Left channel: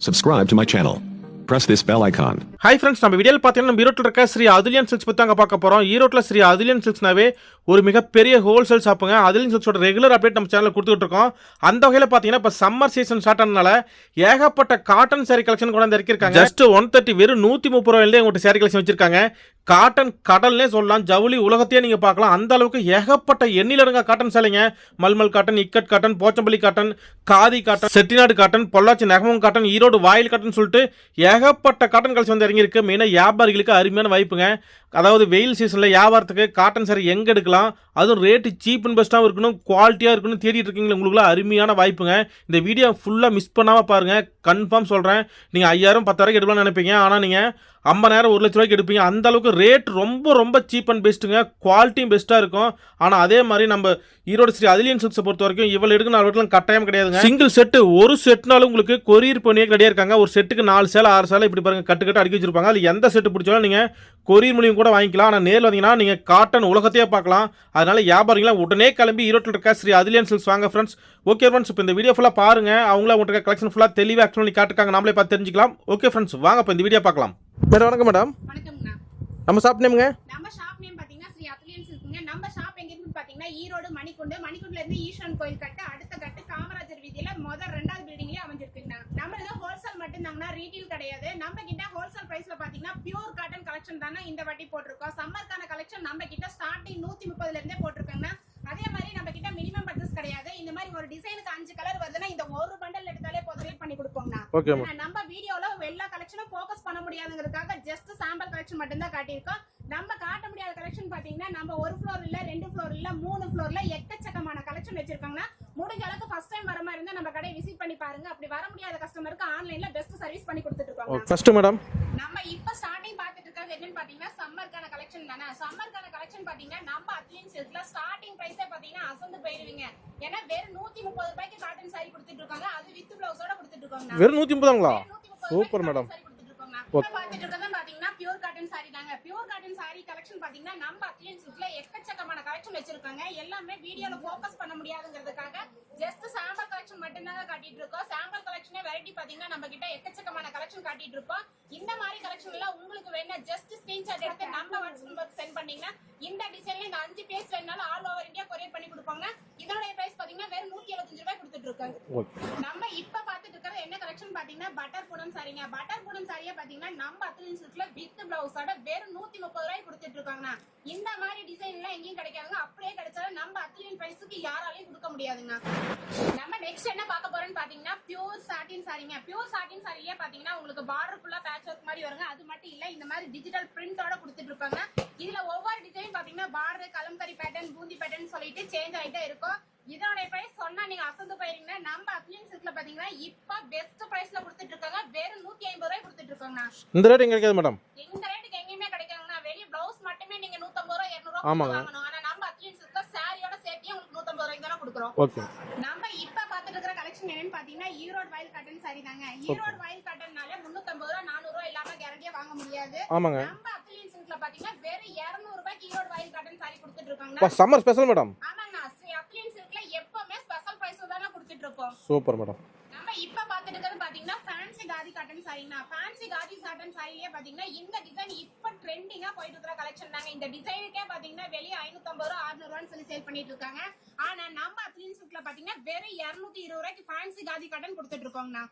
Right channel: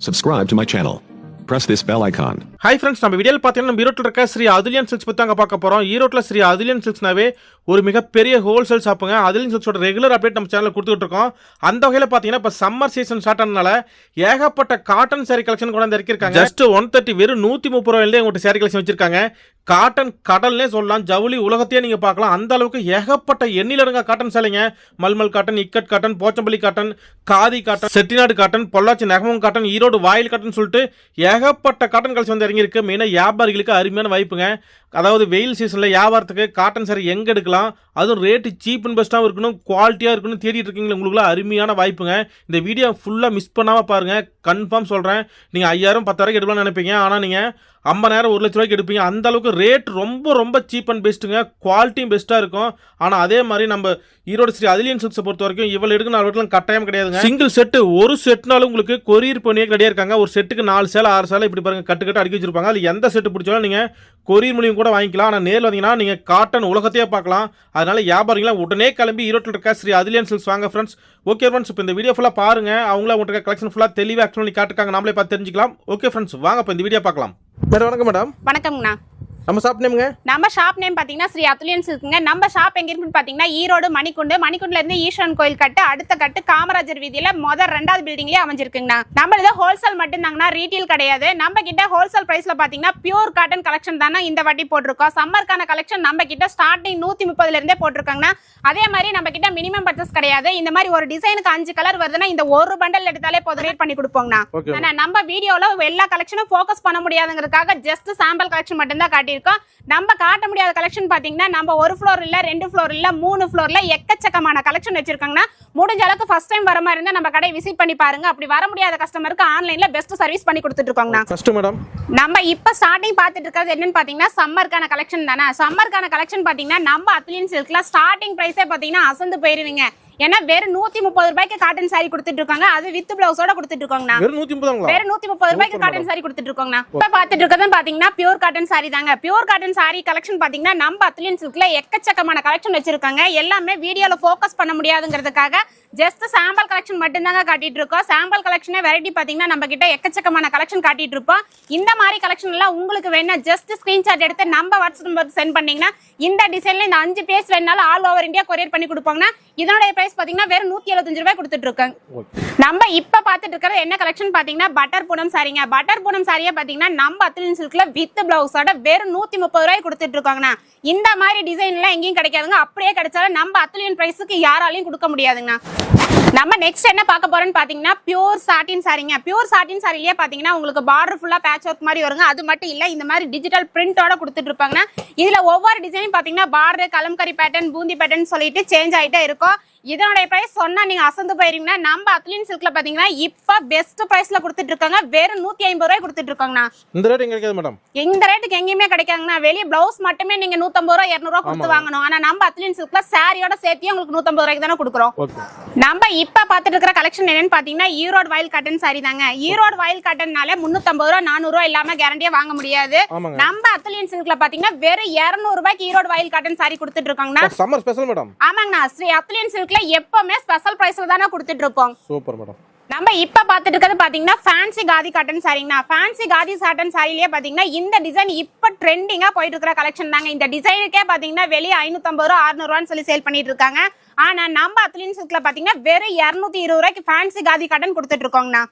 Subscribe to my channel. Press this bell icon. Hi friends நம்ம வீடியோவில் பார்த்தீங்கன்னா நம்ம ஈரோட்டில் இருக்க ஸ்ரீ அதுலியன் சில்க்ஸ் பற்றி தாங்க பார்க்க போகிறோம் ஈரோட்டில் ஸ்ரீ அதுலியன் சில்க்ஸ்னாவே ஒரு மிகப்பெரிய ஹோல்சேல் ஷாப்புங்க அதுலியன் சில்க்ஸோட ரெகுலர் அப்டேட் நம்ம சேனலில் கொடுத்துட்டு இருக்கோம். அந்த வகையில் பார்த்தீங்கன்னா இப்போ சம்மர் சீசன் ஸ்டார்ட் ஆனதுனால ஏகப்பட்ட காட்டன் saree கலெக்ஷன் கூட வந்து இறக்கிருக்காங்க ஜஸ்ட் ஒன் தேர்ட்டி வெறும் நூற்றி முப்பது ரூபாயிலே உங்கள்கிட்ட saree கலெக்ஷன் வச்சிருக்காங்க. காட்டன் கடல்னே சொல்லலாம். ஜவுளி உலகத்தையே நீங்கள் பார்க்கலாம். அந்த அளவுக்கு ஏகப்பட்ட எண்ணிலடங்கா cotton சேலைங்க. Mulmul cotton ikat cotton Pochampally cotton khadi cotton Chettinad cotton Pollachi Negamam cotton Erode voile cotton சொல்லிட்டு ஏகப்பட்ட காட்டன் கலெக்ஷன் வந்து இறங்கியிருக்கு. மெயினாக வியாபாரிகளுக்கு அருமையான வாய்ப்புங்க. அதாவது வெயில் சீசனில் வியாபாரத்துக்கு காட்டன் சாரி எங்கே எடுக்கலாம்? அதுவும் ரேட்டு சீப் அண்ட் பெஸ்ட்டாகவும் இருக்கணும் குவாலிட்டியாக இருக்கணும் தேடிட்டு இருக்கீங்களா உங்களுக்குலாம் அருமையான வாய்ப்புங்க. இந்த வீடியோ ஃபுல்லாக மிஸ் பண்ணாமல் பாருங்கள் கன்ஃபார்ம் சொல்கிறேன் நீங்கள் ஐயாயிரம் பத்தாயிரம் எடுக்கலாம்னு நினைப்பீங்க. ஆனால் நீங்கள் ஐம்பதாயிரம் ஒரு லட்ச ரூபாய்க்கு எடுப்பீங்க. அந்த அளவுக்கு ரேட் ரொம்ப ரொம்ப சீப் அண்ட் பெஸ்ட்டுங்க குவாலிட்டியும் பெஸ்ட்டாக இருக்கும். ஆனால் அதே மாதிரி நம்ம ஈரோடு ஸ்ரீ அதிலியன் சில்க்ஸை பொறுத்த வரைக்கும் இவ்வளோ எடுக்க நாலு வீட்டில் கட்டாயம் கிடையாதுங்க. சிங்கிள் செட்டு ஒரு செட்னாலும் உங்களுக்கு கொரியர் பண்ணியே கிடையாது இருக்காங்க. ஒரு செட்டுக்கு நாலு சேலை ஆறு சேலை இப்படி பாருங்க கட்டு கட்டு அடுக்கி வச்சிருப்பாங்க. அது எந்த செட்டு பிடிச்சாலும் நீங்கள் கொரியர் மூலியம் கூட வாங்கிக்கலாம். ஆனால் நேரில் வந்தீங்கன்னா நீங்கள் காட்டன் உலகத்தையே பார்க்கலாம். அதனால வியாபாரிகளாம் உடனே கிளம்பி ஈரோட்டில் இருக்க ஸ்ரீ அதிலியன் சில்க்ஸ் வாங்க ஃப்ரெண்ட்ஸ் ஓகே ஃப்ரெண்ட்ஸ் இப்போ இந்த வீடியோ ஃபுல்லாக பாருங்க. அவங்கள உங்கள்கிட்ட கலெக்ஷன் ஃபுல்லாக தெளிவாக ஆக்சுவலி காட்டுக்காங்க நாமளே பார்த்து தெரிஞ்சுக்கலாம். ஓகே ஃப்ரெண்ட்ஸ் வாங்க இப்போ இந்த வீடியோ பார்க்கலாம். மேடம் வணக்கம் மேடம் வணக்கம்ண்ணா நம்ம ஷாப் நேமுங்க நம்ம ஷாப் நேம் பாத்தீங்கன்னா ஸ்ரீ அத்துலியன்ஸ் இருக்குங்க நம்ம ஷாப் எங்க இருக்குன்னு பாத்தீங்கன்னா ஈரோடு மணிக்குண்டு. மணிக்குண்டுல இருந்து ஈஸ்வரன் கோயில் கட்டு அடுத்த கட்டு காமராஜர் வீதியில முதல் ரெண்டாவது பில்டிங்லயே அமைஞ்சிருக்குங்கண்ணா. நம்ம இது ஹோல்சேல் மட்டும்தாங்கண்ணா ரீட்டெயில் கிடையாது. நம்ம கிட்ட ஹோல்சேல் பிரைஸ்ல பாத்தீங்கன்னா பியூர் காட்டன் கலெக்ஷன் தானே இந்த வாட்டி போட்டிருக்கோம். சம்மருக்கான கலெக்ஷன் நம்ம கிட்ட ஸ்டார்டிங் நூத்தி முப்பதுல இருந்தே போட்டிருக்காங்கண்ணா. அதே மாதிரி நம்ம கிட்ட மினிமம் பர்ச்சேஸ் கிடையாது. இந்த மாதிரி ஒரு டிசைனுக்கு அஞ்சு கலர் வருதுன்னா இந்த ஒரு பண்டல் எடுத்தாலே போதும். ரேட் பண்ணி கொடுப்போங்கண்ணா. நம்ம வீடியோல எல்லா கலெக்ஷனும் ஃபோக்கஸ் பண்ண முடியாதுங்கிறதுக்காக ஜஸ்ட் சாம்பிள் கலெக்ஷன் மட்டும் தான் காட்டியிருக்கோம் நம்ம காட்ட முடியாத கலெக்ஷன் பாத்தீங்கன்னா நம்ம ஒரு ஃப்ளோர் இல்ல ரெண்டு ஃப்ளோர் இல்ல மூணு ஃப்ளோர்ல எக்கச்சக்கமான கலெக்ஷன் வச்சிருக்காங்கன்னா முடிஞ்ச அளவுக்கு ஃபர்ஸ்ட் டைம் வர மாதிரி இருந்தா நம்ம கடை விசிட் பண்ணி பாருங்க. அப்படி வர முடியாத கஸ்டமருக்கு ஆன்லைன்ல பெஸ்ட் சர்வீஸ் பண்ணி கொடுத்துட்டு இருக்கோங்கண்ணா ஃபர்ஸ்ட் மேடம் நம்ம இப்ப ஸ்டார்டிங் பார்த்துட்டு இருக்கிறது என்னன்னு பாத்தீங்கன்னா சம்மருக்கான கலெக்ஷன் தானே. சம்மருக்கான கலெக்ஷன் பாத்தீங்கன்னா நம்ம அத்லியன் சில்க்ல ஸ்டார்டிங் பிரைஸே பாத்தீங்கன்னா அசந்து போயிருவீங்க ஏன்னா வெறும் நூத்தி முப்பது ரூபாய்க்கு காட்டன் saree கொடுத்துட்டு இருக்காங்க அது வித் பிளவுஸோட கொடுத்துட்டு இருக்கோங்கண்ணா வெறும் நூற்றி முப்பதாங்களா? வேற நூத்தி முப்பது ரூபாய்க்கு காட்டன். சாரி கொடுத்துட்டு இருக்கோங்கண்ணா இப்ப பாத்துட்டு இருக்கிறது பாத்தீங்கன்னா பியூர் காட்டன் சாரி தாங்க. பியூர் காட்டன் சாரி கலெக்ஷன் பாத்தீங்கன்னா நம்ம அத்லியன் சில்க்ல எக்கச்சக்கமான கலெக்ஷன் வச்சிருக்காங்க. எல்லாமே வீடியோல ஃபோக்கஸ் பண்ண முடியாதுங்கிறதுக்காக ஜஸ்ட் சாம்பிள் கலெக்ஷன் மட்டும்தாங்க காட்டிட்டு இருக்கோம் சாம்பிள் கலெக்ஷனே வெரைட்டி பாத்தீங்கன்னா நம்ம கிட்ட எக்கச்சக்கமான கலெக்ஷன் காட்டிட்டு இருப்போம் இந்த மாதிரி கலெக்ஷன் எல்லாம் உங்களுக்கு வேணா ஜஸ்ட் ஸ்கிரீன்ஷாட் எடுத்து நம்ம வாட்ஸ்அப் நம்பர் சென்ட் பண்ணீங்கன்னா இந்த டிசைன்ல இந்த அஞ்சு பேஸ் வேணாலும் ஆல் ஓவர் இந்தியா கொரியர் பண்ணி கொடுப்பாங்கன்னா இதனுடைய பிரைஸ் பாத்தீங்கன்னா வெறும் நூத்தி எழுபத்தஞ்சு ரூபாய் கொடுத்துட்டு இருக்காங்க நம்ம இப்ப பாத்துட்டு இருக்கிறது என்ன கலெக்ஷன் பாத்தீங்கன்னா பட்டர் பூனம் சாரிங்க பட்டர் பூனம் சாரியா பாத்தீங்கன்னா நம்ம அத்லின் சில்க்ல வித் பிளவுஸோட வெறும் நூத்தி முப்பது ரூபாய் கொடுத்துட்டு இருக்காங்கண்ணா இந்த மாதிரி டிசைன் எல்லாம் எங்கேயும் கிடைக்காதுங்க. அப்படியே கிடைச்சாலும் நம்ம அத்லியன் பிரைஸுக்கு யாராலையும் கொடுக்க முடியாதுங்கண்ணா. நம்ம நெக்ஸ்ட் என்ன பார்க்க போறோம்னு பாத்தீங்கன்னா பியூர் சாட்டின் சாரிங்க பியூர் சாட்டின் சாரிலேயே பாத்தீங்கன்னா உங்களுக்கு பார்டர் ஃபுல்லா பேட்ச் ஒர்க் மாதிரி வருங்க. அது மட்டும் இல்ல இந்த மாதிரி டிஜிட்டல் பிரிண்டோட கொடுத்துட்டு இருப்பாங்கன்னா இதுல ஒவ்வொரு டிசைனும் பாத்தீங்கன்னா border kalamkari pattern boondi pattern சொல்லிட்டு சேஞ்ச் ஆயிட்டே இருக்கும். இதனுடைய பிரைஸ் சொன்னா நீங்க அசந்து போயிருவீங்கன்னா நம்ம அத்லின் சில்க்ல பாத்தீங்கன்னா இப்ப பெஸ்ட் பிரைஸ்ல கொடுத்துட்டு இருக்காங்க. வெறும் நூத்தி ஐம்பது ரூபாய் கொடுத்துட்டு இருக்காங்கண்ணா. இந்த ரேட் எங்க கிடைக்காது மேடம் இந்த ரேட்டுக்கு எங்கேயுமே கிடைக்காங்கண்ணா வெளியே பிளவுஸ் மட்டுமே நீங்க நூத்தம்பது ரூபா இருநூறு ரூபா கொடுத்து. வாங்கணும். ஆனா நம்ம அத்லின் சில்க்ல சாரியோட சேர்த்து உங்களுக்கு நூத்தம்பது ரூபாய்க்கு தானே கொடுக்குறோம். நம்ம இப்ப பாத்துட்டு இருக்கிற கலெக்ஷன் என்னன்னு பாத்தீங்கன்னா ஈரோடு வயல் காட்டன் சாரி தாங்க. ஈரோடு வயல் காட்டன்னால முன்னூத்தம்பது ரூபா நானூறு ரூபா இல்லாம கேரண்டியா வாங்க முடியாது. நம்ம அத்லியன் சில்க்ல பாத்தீங்கன்னா வெறும் இருநூறு ரூபாய்க்கு ஈரோடு வயல் காட்டன் சாரி கொடுத்துட்டு இருக்காங்கண்ணா. சம்மர் ஸ்பெஷல் மேடம் ஆமாங்கண்ணா. ஸ்ரீ அத்லியன் சில்க்ல எப்பவுமே ஸ்பெஷல் பிரைஸ்ல தானே கொடுத்துட்டு இருப்போம் சூப்பர் மேடம் நம்ம இப்ப பாத்துட்டு இருக்கிறது பாத்தீங்கன்னா ஃபேன்சி காதி காட்டன் சாரிங்கண்ணா ஃபேன்சி காதி சாட்டன் சாரிலேயே பாத்தீங்கன்னா இந்த டிசைன் இப்ப ட்ரெண்டிங்கா போயிட்டு இருக்கிற கலெக்ஷன் தாங்க. இந்த டிசைனுக்கே பாத்தீங்கன்னா வெளியே ஐநூத்தம்பது ரூபா அறுநூறு ரூபான்னு சொல்லி சேல் பண்ணிட்டு இருக்காங்க ஆனா நம்ம அத்லின் சில்க்ல பாத்தீங்கன்னா வெறும் இருநூத்தி இருபது ரூபாய்க்கு ஃபேன்சி காதி காட்டன் கொடுத்துட்டு இருக்கோங்கண்ணா.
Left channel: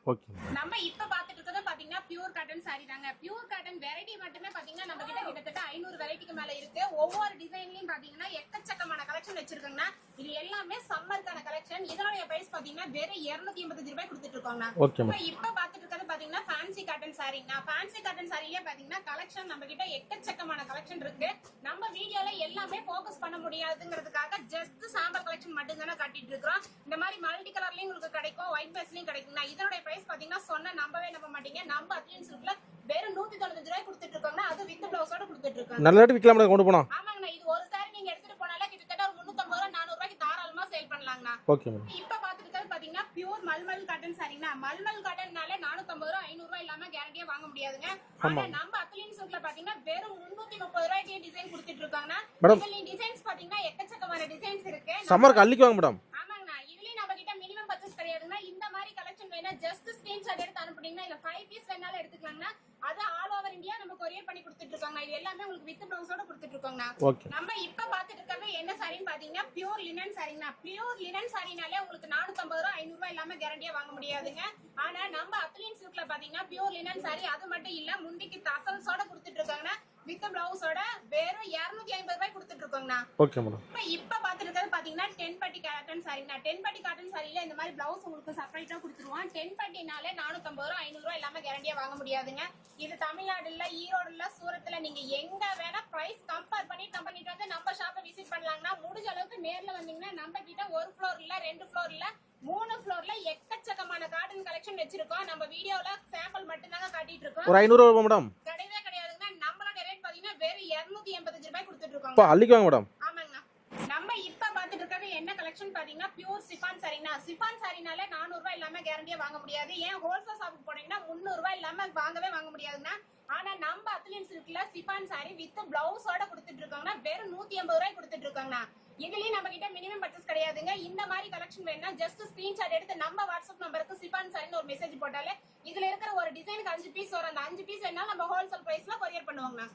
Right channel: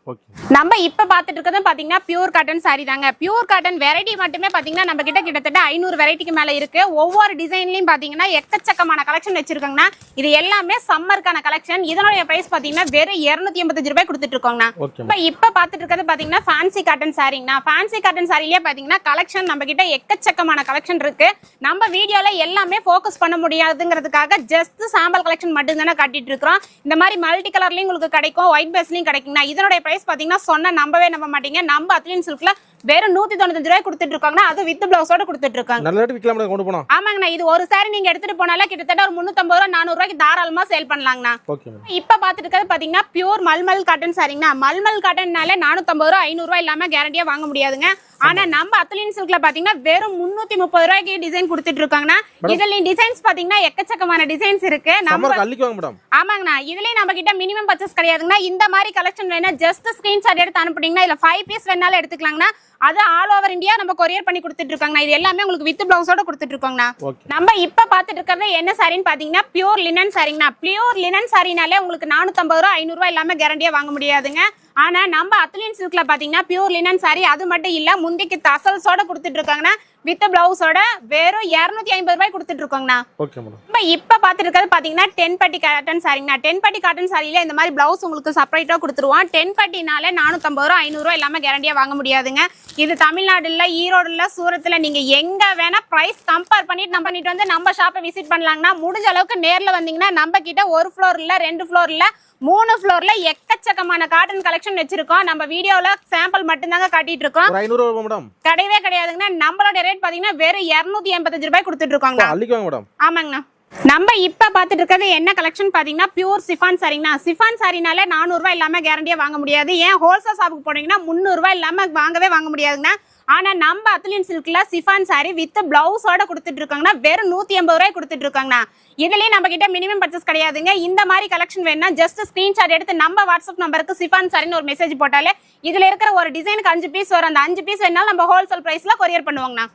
நம்ம இப்ப பாத்துட்டு இருக்கிறது பாத்தீங்கன்னா பியூர் காட்டன் சாரி தாங்க. பியூர் காட்டன் வெரைட்டி மட்டுமே பாத்தீங்கன்னா நம்ம கிட்ட கிட்டத்தட்ட ஐநூறு வெரைட்டிக்கு மேல இருக்கு. ஒவ்வொரு டிசைன்லயும் பாத்தீங்கன்னா எக்கச்சக்கமான கலெக்ஷன் வச்சிருக்காங்கண்ணா. இது எல்லாமே சம்மருக்கான கலெக்ஷன் இதனுடைய பிரைஸ் பாத்தீங்கன்னா வெறும் இருநூத்தி எண்பத்தஞ்சு ரூபாய் கொடுத்துட்டு இருக்கோங்கண்ணா. இப்ப இப்ப பாத்துட்டு இருக்கிறது பாத்தீங்கன்னா ஃபேன்சி காட்டன் சாரிங்கண்ணா ஃபேன்சி காட்டன் சாரிலேயே பாத்தீங்கன்னா கலெக்ஷன் நம்ம கிட்ட எக்கச்சக்கமான கலெக்ஷன் இருக்கு. நம்ம வீடியோல எல்லாமே ஃபோக்கஸ் பண்ண முடியாதுங்கிறதுக்காக ஜஸ்ட் சாம்பிள் கலெக்ஷன் மட்டும் தானே காட்டிட்டு இருக்கிறோம் இந்த மாதிரி மல்டி கலர்லயும் உங்களுக்கு கிடைக்கும் ஒயிட் பேஸ்லயும் கிடைக்குங்கண்ணா இதனுடைய பிரைஸ் பாத்தீங்கன்னா சொன்னா நம்பவே நம்ப மாட்டீங்க. நம்ம அத்லின் சில்க்ல வெறும் நூத்தி தொண்ணூத்தஞ்சு ரூபாய் கொடுத்துட்டு இருக்காங்கன்னா அது வித் பிளவுஸோட கொடுத்துட்டு இருக்காங்க நல்ல ரேட் விற்கலாம் மேடம் கொண்டு போனோம் ஆமாங்கண்ணா இது ஒரு சாரி நீங்க எடுத்துட்டு போனாலே கிட்டத்தட்ட ஒரு முன்னூத்தம்பது ரூபா நானூறு ரூபாய்க்கு தாராளமா சேல் பண்ணலாங்கண்ணா. இப்ப பாத்துட்டு இருக்கிறது பாத்தீங்கன்னா பியூர் மல்மல் காட்டன் சாரிங்கண்ணா மல்மல் காட்டன்னால நானூத்தம்பது ரூபா ஐநூறு ரூபாய் இல்லாம கேரண்டியா வாங்க முடியாதுங்க. ஆனா நம்ம அத்துலின் சில்க்ல பாத்தீங்கன்னா வெறும் முன்னூத்தி முப்பது ரூபாய்க்கு டிசைன் கொடுத்துட்டு இருக்காங்கண்ணா. இதுல டிசைன்ஸ் பாத்தீங்கன்னா எக்கச்சக்கமான டிசைன்ஸ் இருக்கு. ஆமாங்கண்ணா. இதுலயும் நம்ம கிட்ட மினிமம் பர்ச்சேஸ் கிடையாதுங்கண்ணா. இந்த மாதிரி கலெக்ஷன் வேணா ஜஸ்ட் ஸ்கிரீன்ஷாட் எடுத்து அனுப்புனீங்கன்னா இல்ல ஃபைவ் பீஸ் வேணாலும் எடுத்துக்கலாங்கண்ணா. அது ஆல் ஓவர் இந்தியா நம்ம கொரியர் பண்ணி கொடுத்துட்டு இருக்காங்கண்ணா. இது எல்லாமே உங்களுக்கு வித் பிளவுஸோட கொடுத்துட்டு இருக்கோங்கண்ணா. நம்ம இப்ப பாத்துட்டு இருக்கிறது என்ன சாரின்னு பாத்தீங்கன்னா பியூர் லினன் சாரிங்கண்ணா பியூர் லினன் சாரினாலே உங்களுக்கு நானூத்தம்பது ரூபா ஐநூறு ரூபாய் இல்லாம கேரண்டியா வாங்க முடியாதுங்க. ஆனா நம்ம அத்லின் சில்க்ல பாத்தீங்கன்னா பியூர் லினன் சாரி அது மட்டும் இல்ல முந்திக்கு தசல்ஸோட கொடுத்துட்டு இருக்காங்கன்னா வித் பிளவுஸோட வெறும் இருநூத்தி ஐம்பது ரூபாய் கொடுத்துட்டு இருக்கோங்கண்ணா. ஓகே மேடம் இப்ப இருக்கிறது பாத்தீங்கன்னா டென் பட்டி காட்டன் சாரிங்கண்ணா டென் பட்டி காட்டன் சாரியில இந்த மாதிரி பிளவுஸ் உங்களுக்கு செப்பரேட்டா கொடுத்துருவோம். டென் பட்டினால நானூத்தம்பது ரூபா ஐநூறு ரூபா இல்லாம கேரண்டியா வாங்க முடியாதுங்க. இது தமிழ்நாடுல ஈரோடுல சூரத்துல நீங்க எங்க வேணா பிரைஸ் கம்பேர் பண்ணிட்டு நம்ம பண்ணிட்டு வந்து நம்ம ஷாப்பை விசிட் பண்ணலாங்கன்னா முடிஞ்ச அளவுக்கு நேர்ல வந்தீங்கன்னா நம்ம கிட்ட ஒரு ஃப்ளோர் இல்ல ரெண்டு ஃப்ளோர் இல்ல மூணு ஃப்ளோர்ல எக்கச்சக்கமான காட்டன் கலெக்ஷன் வச்சிருக்கோம். நம்ம வீடியோல சாம்பிள் மட்டும்தாங்க காட்டிட்டு இருக்கோம் ஐநூறு ரூபா மேடம். கிடையவே கிடையாதுங்கண்ணா நம்மளோட ரேட் பாத்தீங்கன்னா வெறும் இருநூத்தி எண்பத்தஞ்சு ரூபாய் கொடுத்துட்டு இருக்கோங்க அள்ளிக்குவாங்க மேடம். ஆமாங்கண்ணா. நம்ம இப்ப பாத்துட்டு இருக்கிறது என்ன கலெக்ஷன் பாத்தீங்கன்னா பியூர் சிஃபான் சாரிங்கண்ணா சிஃபான் சாரினால நானூறு ரூபாய் இல்லாம கேரண்டியா வாங்க முடியாது. ஏன் ஹோல்சேல் ஷாப்புக்கு போனீங்கன்னா முந்நூறு ரூபாய் இல்லாம வாங்கவே வாங்க முடியாதுங்கண்ணா. ஆனா நம்ம அத்லின் சில்க்ல சிஃபான் சாரி வித் பிளவுஸோட கொடுத்துட்டு இருக்காங்கன்னா வெறும் நூத்தி எண்பது ரூபாய் கொடுத்துட்டு இருக்காங்கண்ணா இதுலயே நம்ம கிட்ட மினிமம் பர்ச்சேஸ் கிடையாதுங்க. இந்த மாதிரி கலெக்ஷன் வேணும்னா ஜஸ்ட் ஸ்கிரீன்ஷாட் எடுத்து நம்ம வாட்ஸ்அப் நம்பருக்கு சிஃபான் சாரின்னு ஒரு மெசேஜ் போட்டாலே இதுல இருக்கிற ஒரு டிசைனுக்கு அஞ்சு பீஸ் வரும். அந்த அஞ்சு பீஸ் வேணாலும் நம்ம ஹோல்சேல் பிரைஸ்ல கொரியர் பண்ணுவாங்கண்ணா.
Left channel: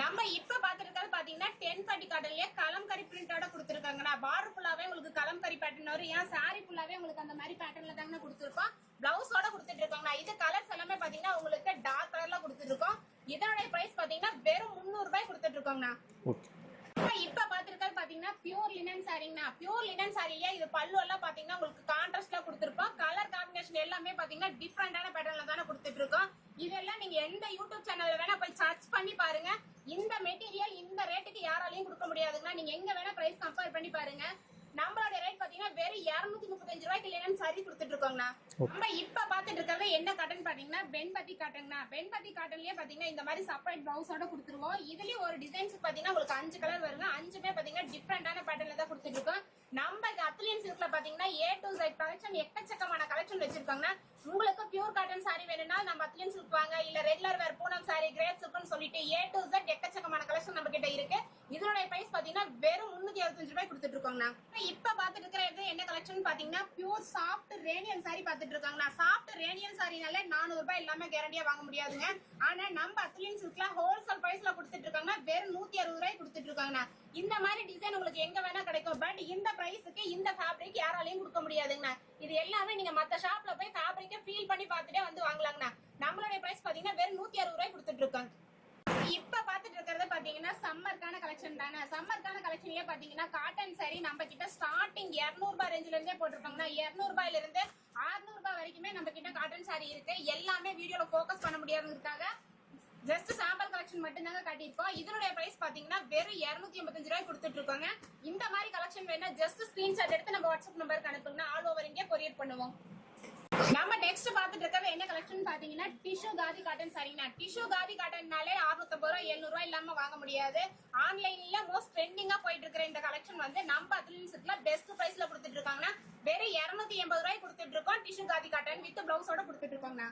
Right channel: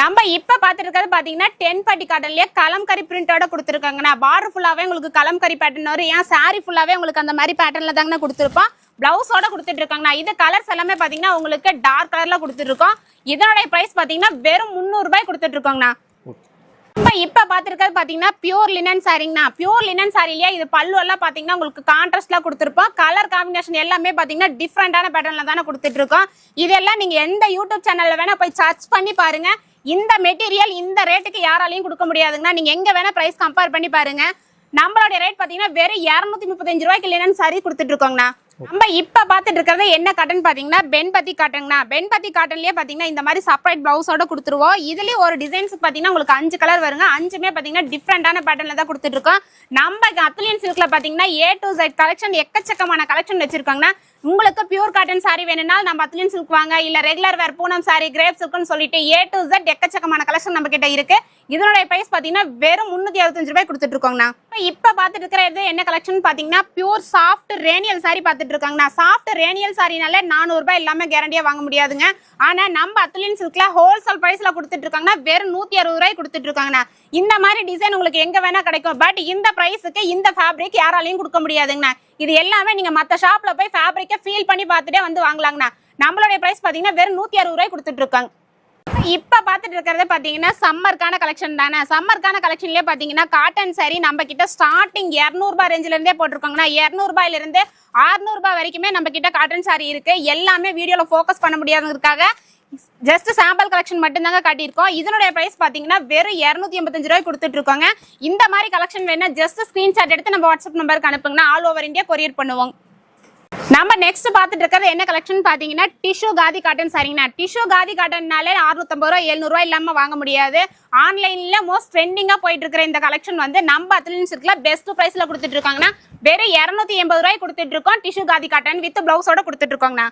நம்ம இப்ப பாத்துட்டு இருக்கிறது பாத்தீங்கன்னா டென் பட்டி காட்டன்லயே கலம்கரி பிரிண்டோட கொடுத்துருக்காங்கண்ணா. பார்டர் ஃபுல்லாவே உங்களுக்கு கலம்கரி பேட்டர்ன் வரும். ஏன் சாரி ஃபுல்லாவே உங்களுக்கு அந்த மாதிரி பேட்டர்ன்ல தாங்கண்ணா கொடுத்துருப்போம் பிளவுஸோட கொடுத்துட்டு இருக்காங்கண்ணா இது கலர்ஸ் எல்லாமே பாத்தீங்கன்னா உங்களுக்கு டார்க் கலர்ல கொடுத்துட்டு இருக்கோம் இதனுடைய பிரைஸ் பாத்தீங்கன்னா வெறும் முந்நூறு ரூபாய் கொடுத்துட்டு இருக்கோங்கண்ணா இப்போ இப்ப பார்த்தீங்கன்னா பாத்தீங்கன்னா பியூர் லினன் சாரிங்கண்ணா பியூர் லினன் சாரிலயே இது பல்லு எல்லாம் பார்த்தீங்கன்னா உங்களுக்கு கான்ட்ராஸ்ட்லாம் கொடுத்துருப்போம். கலர் காம்பினேஷன் எல்லாமே பார்த்தீங்கன்னா டிஃப்ரெண்டான பேட்டர்னில் தானே கொடுத்துட்டு இருக்கோம் இதெல்லாம் நீங்கள் எந்த யூடியூப் சேனலில் வேணால் போய் சர்ச் பண்ணி பாருங்க. இந்த மெட்டீரியல் இந்த ரேட்டுக்கு யாராலையும் கொடுக்க முடியாதுங்கண்ணா. நீங்க எங்கே வேணால் ப்ரைஸ் கம்பேர் பண்ணி பாருங்க. நம்மளோட ரேட் பார்த்தீங்கன்னா வெறும் இரநூத்தி முப்பத்தஞ்சு ரூபாய்க்கு லினன் சாரி கொடுத்துட்டு இருக்கோங்கண்ணா நம்ம இப்ப பாத்துட்டு இருக்கிறது என்ன காட்டன் பாத்தீங்கன்னா பென்பத்தி காட்டன்ங்கண்ணா பென்பத்தி காட்டன்லயே பாத்தீங்கன்னா இந்த மாதிரி செப்பரேட் பிளவுஸோட கொடுத்துருவோம். இதுலயும் ஒரு டிசைன்ஸ் பாத்தீங்கன்னா உங்களுக்கு அஞ்சு கலர் வருங்க. அஞ்சுமே பாத்தீங்கன்னா டிஃப்ரெண்டான பேட்டர்ல தான் கொடுத்துட்டு இருக்கோம். நம்ம அத்லியன் சில்க்ல பாத்தீங்கன்னா ஏ டு ஜெட் கலெக்ஷன் எக்கச்சக்கமான கலெக்ஷன் வச்சிருக்காங்கன்னா உங்களுக்கு பியூர் காட்டன் சாரி வேணும்னா நம்ம அத்லியன் சில்க் வாங்க. இல்ல regular wear Poonam saree crepe சில்க்னு சொல்லிட்டு ஏ டு ஜெட் எக்கச்சக்கமான கலெக்ஷன் நம்ம கிட்ட இருக்கு. இதனுடைய பிரைஸ் பாத்தீங்கன்னா வெறும் முன்னூத்தி அறுபத்தஞ்சு ரூபாய் கொடுத்துட்டு இருக்கோங்கண்ணா. இப்ப பாத்துட்டு இருக்கிறது என்ன கலெக்ஷன் பாத்தீங்கன்னா பியூர் சாஃப்ட் ரேனியல் சாரி பாத்துட்டு இருக்காங்க நான் சாஃப்ட் ரேனியல் சாரினால நானூறு ரூபாய் இல்லாம கேரண்டியா வாங்க முடியாதுங்க. ஆனா நம்ம அத்லின் சில்க்ல ஹோல்சேல் பிரைஸ்ல கொடுத்துட்டு இருக்காங்கன்னா வெறும் நூத்தி அறுபது ரூபாய் கொடுத்துட்டு இருக்காங்கண்ணா இந்த மாதிரி டிசைன் உங்களுக்கு எங்க வேணா கிடைக்கும். பட் இந்த பிரைஸுக்கு இந்த ஃபேப்ரிக் யாராலையும் கொடுக்க முடியாதுங்கண்ணா. இது எல்லாமே நீங்க மத்த ஷாப்ல போய் ஃபேப்ரிக்கை ஃபீல் பண்ணி பார்த்துட்டே வந்து வாங்கலாங்கண்ணா. நம்மளுடைய பிரைஸ் பாத்தீங்கன்னா வெறும் நூத்தி அறுபது ரூபாய் கொடுத்துட்டு இருக்காங்க இப்ப பாத்துட்டு இருக்கிறது பாத்தீங்கன்னா சம்மருக்கான கலெக்ஷன் தானே. சம்மருக்கான கலெக்ஷன்லயே பாத்தீங்கன்னா காட்டன் சாரி நம்ம கிட்ட ஸ்டார்டிங் 200 ரூபாய் ரேஞ்சில இருந்தே போட்டிருக்காங்கன்னா வரைக்குமே நம்ம கிட்ட காட்டன் சாரி இருக்கு. எல்லாமே வீடியோல ஃபோக்கஸ் பண்ண முடியாததுக்காக ஜஸ்ட் சாம்பிள் கலெக்ஷன் மட்டும்தாங்க காட்டியிருக்கோம். இதனுடைய ப்ரைஸ் பார்த்தீங்கன்னா வெறும் 285 எண்பத்தஞ்சு ரூபாய் கொடுத்துட்டு இருக்கோங்க இந்த மாதிரி கலெக்ஷன் வேணா ஜஸ்ட் ஸ்கிரீன்ஷாட் எடுத்து நம்ம வாட்ஸ்அப் நம்பருக்கு அனுப்புங்கன்னா ஆல் ஓவர் இந்தியா கொரியர் பண்ணுவோம். நம்ம நெக்ஸ்ட் பார்த்துட்டு இருக்கிறது என்ன கலெக்ஷன் பார்த்தீங்கன்னா டிஷ்யூ காதி காட்டன் சரிங்கண்ணா டிஷ்யூ காதி காட்டன்னாலே அறுநூத்தம்பது ரூபா எழுநூறுவா இல்லாம வாங்க முடியாது. ஆன்லைன்ல மோஸ்ட் ட்ரெண்டிங்கா போயிட்டு இருக்கிற இந்த கலெக்ஷன் வந்து நம்ம அத்லின்ஸ் பெஸ்ட் பிரைஸ்ல கொடுத்துட்டு இருக்காங்கன்னா வெறும் இருநூத்தி எண்பது ரூபாய் கொடுத்துட்டு இருக்கோம் டிஷ்யூ காதி காட்டன் வித் பிளவுஸோட கொடுத்துட்டு இருக்கோங்கண்ணா.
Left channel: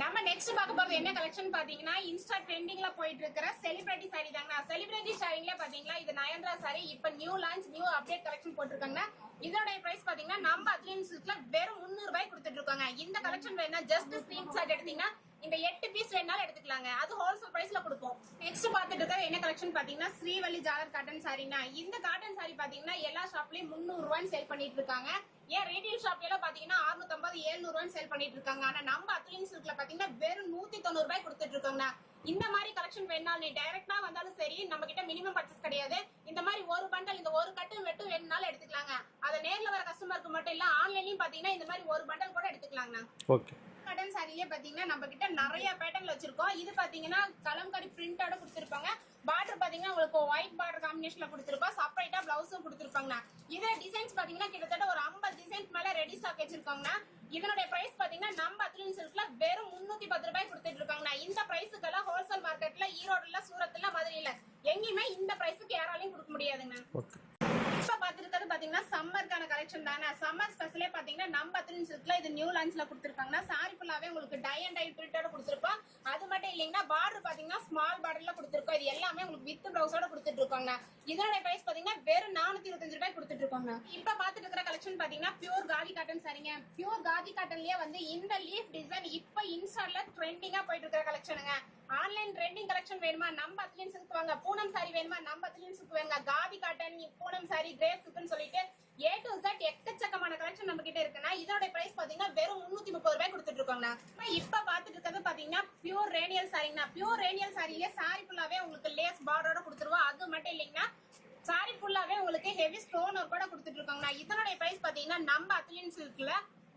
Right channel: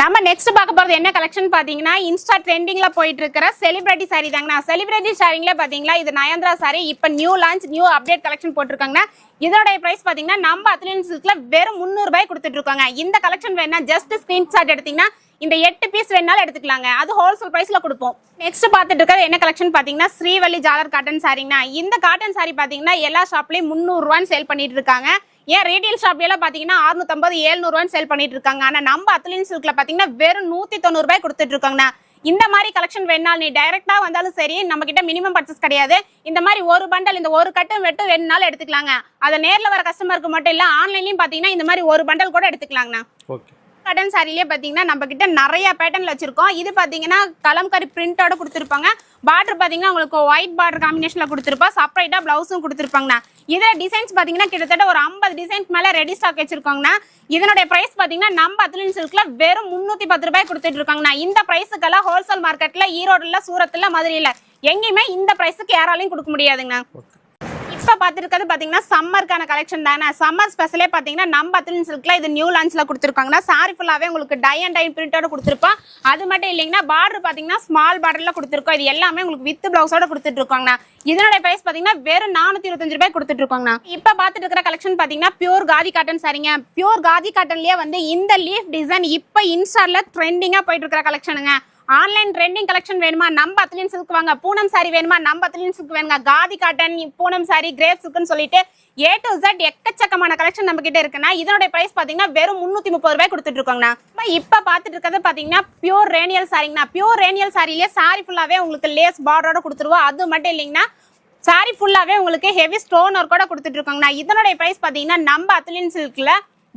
நம்ம நெக்ஸ்ட் பார்க்க போறது என்ன கலெக்ஷன் பாத்தீங்கன்னா இன்ஸ்டா ட்ரெண்டிங்ல போயிட்டு இருக்கிற செலிபிரிட்டி சாரி தாங்கண்ணா செலிபிரிட்டி சாரிங்ல பாத்தீங்களா இது நயன்தரா சாரி இப்போ new launch new update collection போட்டிருக்காங்கன்னா இதோட பிரைஸ் பாத்தீங்கன்னா நம்ம அத்லின் சில்க்ல வெறும் முந்நூறு ரூபாய் கொடுத்துட்டு இருக்காங்க இந்த கலெக்ஷன் வேணா ஜஸ்ட் ஸ்கிரீன்ஷாட் எடுத்தீங்கன்னா இந்த எட்டு பீஸ் வேணாலும் எடுத்துக்கலாங்க. அது ஹோல்சேல் பிரைஸ்ல கொடுப்போம். நெக்ஸ்ட் பார்த்துட்டு இருக்கிறது என்ன கலெக்ஷன் பாத்தீங்கன்னா ஸ்ரீவள்ளி ஜாலர் காட்டன் சாரிங்கண்ணா இந்த காட்டன் சாரி பாத்தீங்கன்னா எல்லா ஷாப்லயும் முந்நூறு ரூபான்னு சேல் பண்ணிட்டு இருக்காங்க ஏன் ரீட்டைல் ஷாப்ல பார்த்தீங்கன்னா அறுநூத்தம்பது ஏழ்நூறுவான்னு சேல் பண்ணிட்டு இருக்காங்க. ஆனால் நம்ம அத்லின் சில்கில் பார்த்தீங்கன்னா வெறும் நூற்றி தொண்ணூறுபாய் கொடுத்துட்டு இருக்காங்கண்ணா. இந்த மாதிரி கலெக்ஷன் வேணாலும் நீ டைரெக்டாக வந்தாலும் சரி நம்ம கிட்ட மினிமம் பர்ச்சேஸ் கிடையாது. இந்த மாதிரி ஒரு பண்டல் இந்த ஒரு கட்டும் வெட்டும் வேணுனாலும் எடுத்துக்கலாங்க. அதை நேரில் வர கஸ்டமருக்கு மட்டும் இல்லை ஆன்லைன்லையும் பார்த்தீங்கன்னா இந்த மாதிரி ஒரு பண்டல் கூட எடுத்துக்கலாங்கண்ணா. ஓகே காட்டன் சாரிலேயே பார்த்தீங்கன்னா நம்ம கிட்ட நிறைய பேட்டர்ன்ல வச்சிருக்கோம். இது பார்த்தீங்கன்னா கலம்காரி பிரிண்டோட கொடுத்துருப்பாங்க. பார்டர் பார்த்தீங்கன்னா உங்களுக்கு ஒயிட் பார்டர் காம்பினேஷன்ல கொடுத்துருப்பா செப்பரேட்டா பிளவுஸும் கொடுத்துருப்பாங்கண்ணா. இதில் டிசைன்ஸ் பார்த்தீங்கன்னா கிட்டத்தட்ட ஒரு ஐம்பது டிசைன்ஸ் மேலே ரெடி ஸ்டாக் வச்சிருக்காங்கண்ணா. இதனுடைய ப்ரைஸ் பார்த்தீங்கன்னா நம்ம அத்லின் சில்க்ல வெறும் முந்நூத்தி பத்து ரூபாய் கொடுத்துட்டு இருக்காங்கண்ணா. இந்த ப்ரைஸுக்கெல்லாம் ஹோல்சேல் மார்க்கெட்ல ஈரோடுல சூரத்தில் மதுரையில் எங்கேயுமே இந்த ப்ரைஸுக்கு யாராலையும் கொடுக்க முடியாதுங்கண்ணா. இப்போ பார்த்துருக்கிறது பாத்தீங்கன்னா சம்மருக்கான கலெக்ஷன் தானே? சம்மர் ஸ்பெஷலே பார்த்தீங்கன்னா நம்ம அத்லின் சில்க்ல இது நியூ லான்ச்ல கொடுத்துருக்காங்கன்னா சாரி ஃபுல்லாகவே உங்களுக்கு டை அண்ட் டை பிரிண்டோட கொடுத்துருப்போம் அது மட்டும் இல்லைங்கன்னா பார்டர் பார்த்தீங்கன்னா ஸ்மால் பார்டர்ல கொடுத்துருக்கோம். இது எல்லாமே உங்களுக்கு வித் பிளவுஸோட கொடுத்துட்ருக்காங்கண்ணா இதனுடைய பிரைஸ் பார்த்தீங்கன்னா வெறும் நானூத்தி இருபத்தஞ்சு ரூபாய் கொடுத்துட்ருக்காங்கண்ணா இப்போ பார்த்துட்டு இருக்கிற கலெக்ஷன் பார்த்தீங்கன்னா பியூர் காதி காட்டன் சரிங்க பியூர் காதி காட்டன்லயே வந்து இந்த லீஃப் டிசைன் இப்போ இன்ஸ்டால ட்ரெண்டிங்காக போயிட்டு இருக்கிற கலெக்ஷனுங்க ஆன்லைன் ட்ரெண்டிங் கலெக்ஷன் வேணுமா? நம்ம அத்லின் சில்க் வாங்க. பூனம் சாரி வேணுமா? நம்ம அத்லின் சில்க் வேணுங்க. Khadi cotton Poonam sorry crepe சில்க்னு சொல்லிட்டு ஏ டு ஜெட் எக்கச்சக்கமான கலெக்ஷன் நம்ம கிட்ட இருக்குன்னா இதனுடைய பிரைஸ் பாத்தீங்கன்னா வெறும் முன்னூத்தி முப்பது ரூபாய் கொடுத்துட்டு இருக்கோங்கண்ணா. இப்ப பாத்துட்டு இருக்கிறது பாத்தீங்கன்னா பியூர் ரேனியல் சாரிங்கண்ணா பியூர் ரேனியல் சாரிலேயே சாரி ஃபுல்லாவே உங்களுக்கு லேஸ் பார்டரோட கொடுத்துருவோம். அது மட்டும் இல்லைங்கன்னா சாரி ஃபுல்லாவே உங்களுக்கு ஹெவி ஸ்டோன் ஒர்க்கோட கொடுத்துட்டு இருக்கோங்கண்ணா. இதனுடைய பிரைஸ் பாத்தீங்கன்னா நம்ம அத்லின் சில்க்ல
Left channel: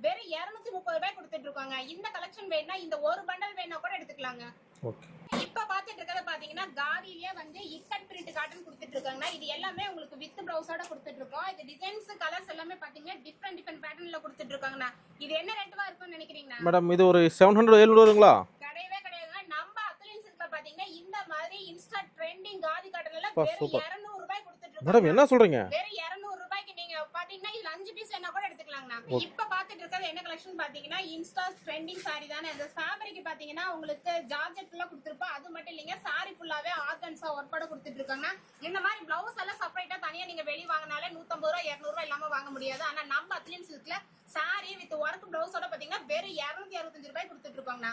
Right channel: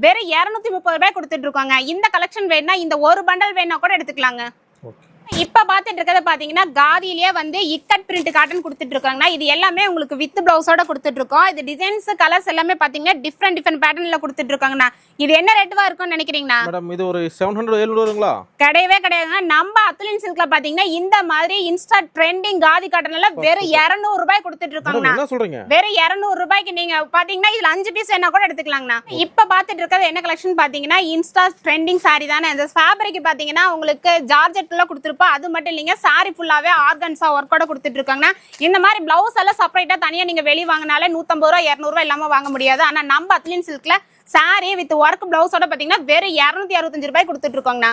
வெறும் இரநூத்தி முப்பது ரூபாய் கொடுத்துட்டு இருக்காங்க. இந்த கலெக்ஷன் வேணா இந்த ஒரு பண்டல் வேணா கூட எடுத்துக்கலாங்க. ஓகே இப்ப பாத்துட்டு இருக்கிறது பாத்தீங்கன்னா காதியிலேயே வந்து இக்கட் பிரிண்ட் காட்டன் கொடுத்துட்டு இருக்காங்கன்னா இது எல்லாமே உங்களுக்கு வித் பிளவுஸோட கொடுத்துட்டு இருக்கோம் இது டிசைன்ஸ் கலர்ஸ் எல்லாமே பாத்தீங்கன்னா டிஃப்ரெண்ட் டிஃப்ரெண்ட் பேட்டர்ன்ல கொடுத்துட்டு இருக்காங்கண்ணா இது என்ன ரேட்டுவா இருக்கும்னு நினைக்கிறீங்கண்ணா? மேடம் இது ஒரு செவன் ஹண்ட்ரட் ஏழு வருங்களா கிடையவே கிடையாதுங்க. நம்ம அத்துலின் சில்க்ல பாத்தீங்கன்னா இந்த மாதிரி இன்ஸ்டா ட்ரெண்டிங் காதி காட்டன்ல வெறும் இருநூறு ரூபாய் கொடுத்துட்டு என்ன சொல்றீங்க? வெறும் இருநூறு ரூபாய்க்கு நீங்க பாத்தீங்கன்னா இதுல அஞ்சு பீஸ் வேணா கூட எடுத்துக்கலாங்கண்ணா. இப்ப பாத்துட்டு இருக்கிறது என்ன கலெக்ஷன் பாத்தீங்கன்னா இன்ஸ்டா ட்ரெண்டிங் saree தானே. இந்த ஃபேப்ரிக் பாத்தீங்கன்னா உங்களுக்கு ஜார்ஜெட்ல கொடுத்துருப்போம் அது மட்டும் இல்லைங்க சாரி ஃபுல்லாவே ஆர்கன்ஸா ஒர்க்கோட கொடுத்துட்டு இருக்காங்கன்னா இந்த மாதிரி பிளவுஸ் எல்லாம் செப்பரேட்டா தனியா நீங்க வெளிய வாங்கினாலே நூத்தம்பது ரூபா இருநூறு ரூபாய் இல்லாம வாங்க முடியாது. ஆனா நம்ம அத்லின் சில்க்ல சாரி வித் ஒர்க் பிளவுஸோட பாத்தீங்கன்னா வெறும் இருநூத்தி அறுபத்தஞ்சு ரூபாய் கொடுத்துட்டு இருக்கோங்கண்ணா.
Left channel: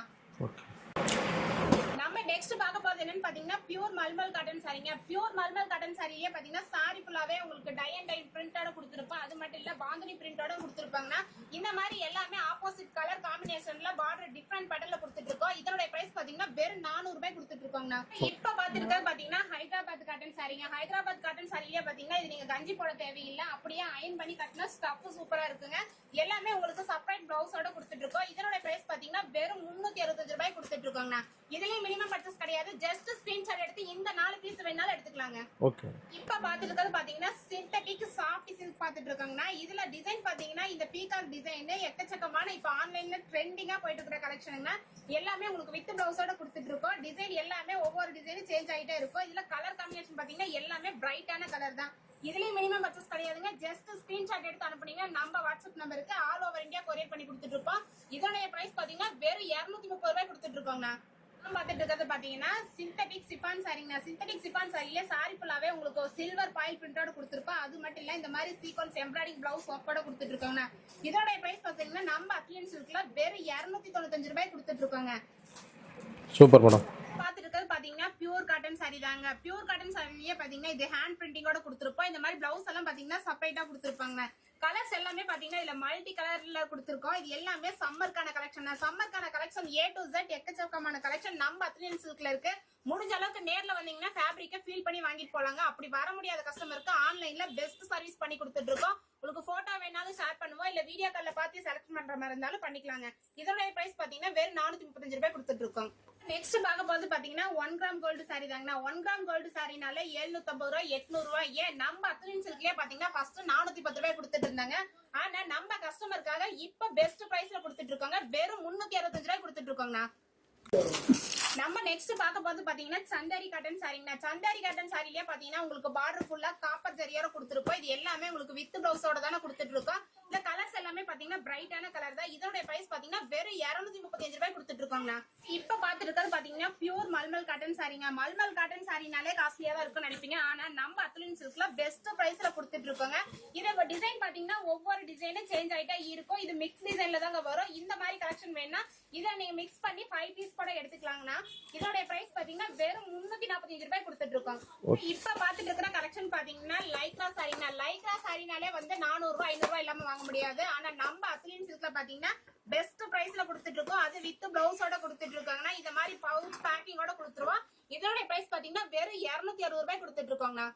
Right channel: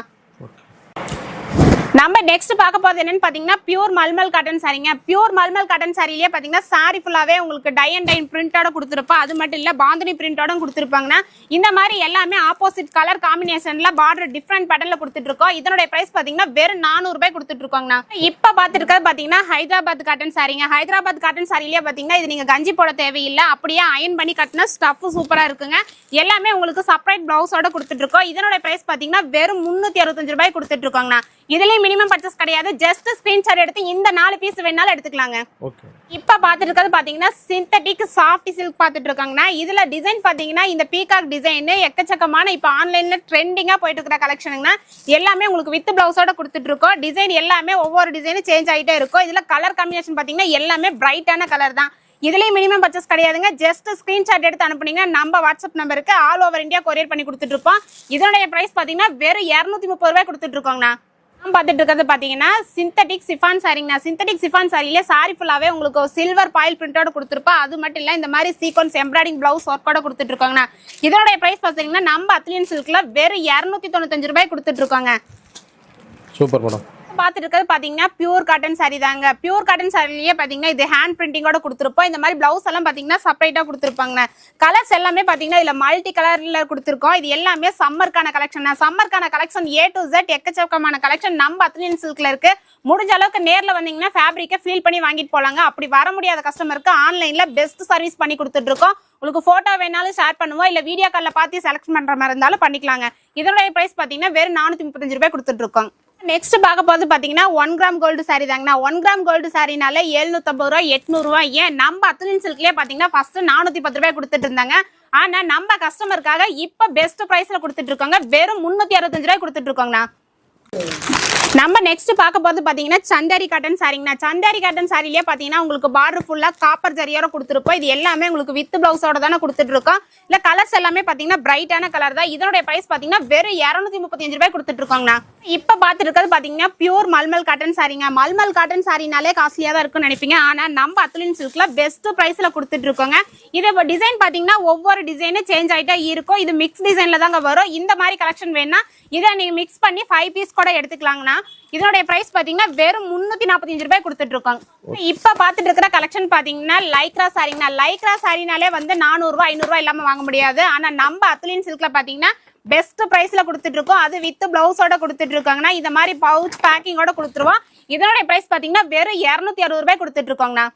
நம்ம நெக்ஸ்ட் பார்க்க போறது என்னன்னு பாத்தீங்கன்னா பியூர் மல்மல் காட்டன் சாரிங்க பியூர் மல்மல் காட்டன் சாரிலேயே பாத்தீங்கன்னா சாரி ஃபுல்லாவே உங்களுக்கு டை அண்ட் டைன் பிரிண்டோட கொடுத்துருப்போம் அது மட்டும் இல்ல பாந்தினி பிரிண்டோட கொடுத்துருப்பாங்கன்னா இந்த மாதிரி எல்லாமே ஆப்போசிட் கலர் காம்பினேஷன்ல பார்டர் டிஃப்ரெண்ட் பேட்டர்ல கொடுத்துட்டு இருக்கோம் இதனுடைய பிரைஸ் பாத்தீங்கன்னா வெறும் நானூறு ரூபாய் கொடுத்துட்டு இருக்கோங்கண்ணா இப்ப பாத்துருக்கிறது பாத்தீங்கன்னா ஹைதராபாத் காட்டன் சாரிங்க ஹைதராபாத் காட்டன் சாரிலேயே பாத்தீங்கன்னா இது நீங்க கஞ்சி போட தேவையில்லை. அப்படியே அயன் பண்ணி கட்டினா ஸ்டஃப் சூப்பரா இருக்குங்க. எல்லாமே உங்களுக்கு செப்பரேட் பிளவுஸோட கொடுத்துட்டு இருக்கோம் இதனுடைய பிரைஸ் பாத்தீங்கன்னா வெறும் முன்னூத்தி அறுபத்தஞ்சு ரூபாய் கொடுத்துட்டு இருக்கோங்கண்ணா இதுலயும் மினிமம் பர்ச்சேஸ் கிடையாது. ஜஸ்ட் ஸ்கிரீன்ஷாட் எடுத்து இந்த நாலு பீஸ் வேணாலும் எடுத்துக்கலாங்க. ஓகே இப்ப பாத்துட்டு இருக்கிறது பாத்தீங்கன்னா சிந்தட்டிக் சாஃப்ட் சில்க் பாத்துட்டு இருக்காங்கன்னா இதுல டிசைன் பாத்தீங்கன்னா இந்த பீகாக் டிசைன் எக்கச்சக்கமான இப்ப ஆன்லைன்ல ட்ரெண்டிங்கா போயிட்டு இருக்கிற கலெக்ஷனுங்கன்னா எல்லாமே உங்களுக்கு வித் பிளவுஸோட கொடுத்துட்டு இருக்கோம் டிசைன் எல்லாமே ஒவ்வொரு டிசைனும் சேஞ்ச் ஆயிட்டே இருக்கும். இதுல கலர் காம்பினேஷன் பாத்தீங்கன்னா எல்லாமே பிரைட்டான கலர் தான். இதுலயும் மினிமம் பர்ச்சேஸ் கிடையாதுங்க. ஜஸ்ட் ஸ்கிரீன்ஷாட் எடுத்து அனுப்புனீங்க நம்ம வாட்ஸ்அப் நம்பருக்கு ஆல் ஓவர் இந்தியா கொரியர் பண்ணி கொடுத்துட்டு இருப்போம் இதனுடைய பிரைஸ் பாத்தீங்கன்னா வெறும் இருநூத்தி முப்பது ரூபாய் கொடுத்துட்டு இருக்கோங்கண்ணா பார்த்துட்டு இருக்கிறது பார்த்தீங்கன்னா சிந்தட்டிக் சிஃபான் சாரிங்கண்ணா சிந்தட்டிக் சிஃபான் சாரியிலே சாரி ஃபுல்லாகவே உங்களுக்கு சில்வர் பாயில் பிரிண்டோட கொடுத்துருப்பா. அது மட்டும் இல்லை இந்த மாதிரி சீக்வன்ஸ் எம்ப்ராய்டிங் ப்ளவுஸ் ஒர்க்கோட கொடுத்துட்டு இருக்காங்கண்ணா இதோட பிரைஸ் பார்த்தீங்கன்னா நம்ம அத்லியன் சில்க்ல வெறும் இரநூத்தி தொண்ணூத்தஞ்சு ரூபாய் கொடுத்துட்டு இருக்காங்க சூப்பர் மேடம் பார்த்துட்டு இருக்கிறது பார்த்தீங்கன்னா பியூர் காட்டன் சாரி தாங்க. பியூர் காட்டன் சாரிலேயே பார்த்தீங்கன்னா இது ஹேண்ட் பிரிண்டிங்கோட கொடுத்துருப்போம். இந்த மாதிரி பிளவுஸ் எல்லாம் பார்த்தீங்கன்னா செப்பரேட்டாக கொடுத்துருப்பாங்க கலர்ஸ் எல்லாமே பார்த்தீங்கன்னா இதில் மல்டி கலரில் கொடுத்துருக்கோம். இது எல்லாமே சம்மருக்கான கலெக்ஷன் சம்மருக்கான கலெக்ஷன் ஏ டு ஜெட் எக்கச்சக்கமான கலெக்ஷன் நம்ம அத்னியன் சில்க்ல இருக்கு. முடிஞ்ச அளவுக்கு நேரில் வந்தீங்கன்னா ஃபேப்ரிக்கை ஃபீல் பண்ணி வாங்கிட்டு போகலாங்க அப்படி வர முடியாத கஸ்டமருக்கு ஆன்லைனில் பெஸ்ட் சர்வீஸ் பண்ணி கொடுத்துட்ருக்கோம் உங்களுக்கு ஃபோட்டோ வேணாலும் ஷேர் பண்ணுவோம். இல்லை வீடியோ காலில் பார்த்து செலக்ட் பண்ணுற மாதிரி இருந்தாலும் பண்ணிக்கலாங்க. இதனுடைய ப்ரைஸ் பார்த்தீங்கன்னா வெறும் நானூற்றி முப்பத்தஞ்சு ரூபாய் கொடுத்துட்ருக்கோம் நெக்ஸ்ட் பார்க்க போகிறது பார்த்தீங்கன்னா ஒன் கிராம் கோல்டு சாரி தாங்கண்ணா. ஒன் கிராம் கோல்டு சாரினால எழுநூத்தம்பது ரூபா எட்நூறுவா ஏன்? நம்ம அத்துலின் சில்க்லேயே பார்த்தீங்கன்னா ஃபர்ஸ்ட் நானூற்றி பத்து ரூபாய் கொடுத்துட்டு இருந்தாங்க. ஆனால் நம்ம கஸ்டமருக்காக இப்போ பெஸ்ட் ப்ரைஸில் கொடுத்துட்டு இருக்காங்க. வெறும் முந்நூற்றி அறுபத்தஞ்சு ரூபாய் கொடுத்துட்டு இருக்கோங்கண்ணா. நம்ம நெக்ஸ்ட் பார்க்க போகிறது பார்த்தீங்கன்னா சந்தாரி காட்டன் சாரிங்கண்ணா சந்தாரி காட்டன் சாரிலேயே பார்த்தீங்கன்னா உங்களுக்கு பார்டர் ஃபுல்லாக காப்பர் ஜரியோட கொடுத்துருப்போம். இது எல்லாமே உங்களுக்கு வித் பிளவுஸோட தானே கொடுத்துட்டு இருக்கோம். இல்லை கலர்ஸ் எல்லாமே பார்த்தீங்கன்னா பிரைட்டான கலர் தான். இதனுடைய ப்ரைஸ் பார்த்தீங்கன்னா வெறும் இரநூத்தி முப்பத்தஞ்சு ரூபாய் கொடுத்துட்டு இருக்கோங்கண்ணா. இப்ப பாத்துட்டு இருக்கிறது பாத்தீங்கன்னா பியூர் மல்மல் காட்டன் சாரிங்க மல்மல் காட்டன் சாரினாலே காஸ்ட்லியா தான் இருக்கும்னு நினைப்பீங்க. ஆனா நம்ம அத்துலின் சில்க்ல பெஸ்ட் பிரைஸ்ல கொடுத்துட்டு இருக்கோங்க. இது டிசைன் பாத்தீங்கன்னா ஒவ்வொரு டிசைனும் சேஞ்ச் ஆயிட்டே இருக்கும். இது மிக்ஸ் டிசைன்ல தாங்க வரும். இந்த மாதிரி கலெக்ஷன் வேணா இதை நீங்க மிக்ஸ் பண்ணி ஃபைவ் பீஸ் கூட எடுத்துக்கலாங்கண்ணா. இதனுடைய பிரைஸ் பாத்தீங்கன்னா வெறும் முன்னூத்தி நாற்பத்தஞ்சு ரூபாய் கொடுத்துட்டு இருக்கோம். இப்ப பாத்துட்டு இருக்கிற கலெக்ஷன் பாத்தீங்கன்னா லைக்ரா சாரிங்கண்ணா லைக்ரா சாரினாலே வந்து நானூறு ரூபாய் ஐநூறு ரூபாய் இல்லாம வாங்க முடியாது. ஆனா நம்ம அத்துலின் சில்க்ல பாத்தீங்கன்னா பெஸ்ட் பிரைஸ்ல கொடுத்துட்டு இருக்கோம் அது வித் பிளவுஸோட கொடுத்துட்டு இருக்காங்கன்னா இந்த மாதிரி பவுச் பேக்கிங்கோட கொடுத்துருவோம். இதனுடைய பிரைஸ் பாத்தீங்கன்னா வெறும் இருநூத்தி அறுபது ரூபாய் கொடுத்துட்டு இருக்கோங்கண்ணா